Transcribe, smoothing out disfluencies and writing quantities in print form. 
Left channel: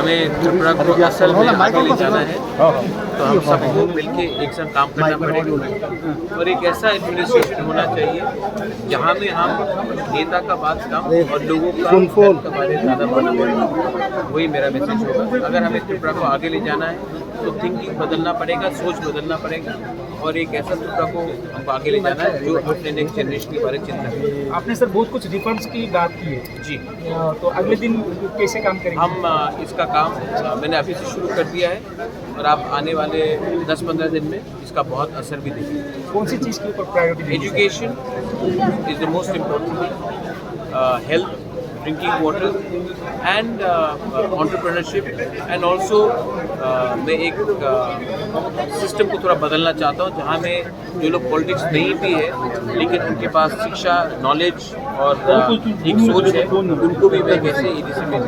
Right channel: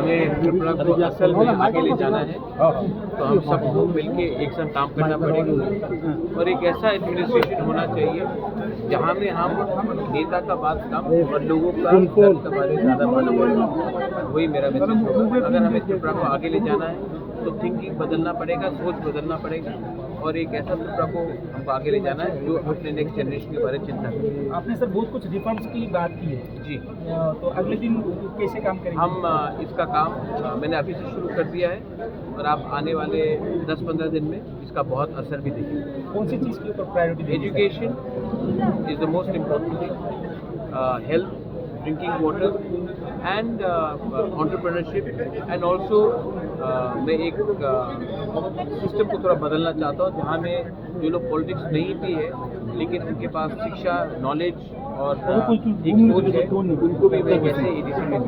हमें त्रिपुरा को असल में आगे ले जाना है तो हम सबको मिलके एक साथ काम करना पड़ेगा और एक ऐसा एडमिनिस्ट्रेशन होना चाहिए जहाँ में हम नेता का बात कम और लोगों का हेल्थ के बारे में ज़्यादा बात करें। वही मेरा मैसेज होगा। अगर हमें त्रिपुरा को आगे ले जाना है तो थिंकिंग बदलना पड़ेगा, सोच बदलना पड़ेगा और एक ऐसा त्रिपुरा को हमको आगे ले जाना है जो अपने नेक्स्ट जनरेशन के बारे में चिंता करें। आपने सर बहुत कुछ रिफॉर्म्स की बात की है जी, तो अगले दिन कैसे काम करेंगे? हम इसका काम मैंने अभी से शुरू कर दिया है और आप आने वाले 10-15 दिन में इसका बहुत असर भी देखेंगे। कौन सी चीज़ के ऊपर प्रायोरिटी देंगे? Education is the most important, health, drinking water and entrepreneurship and also मैं एक सिस्टम को थोड़ा बदलना चाहता हूँ जहाँ में जो लोग पॉलिटिक्स नहीं भी है लेकिन उनके पास शिक्षा, नॉलेज और एक सोच है, उनको भी मैं कैसे EDC में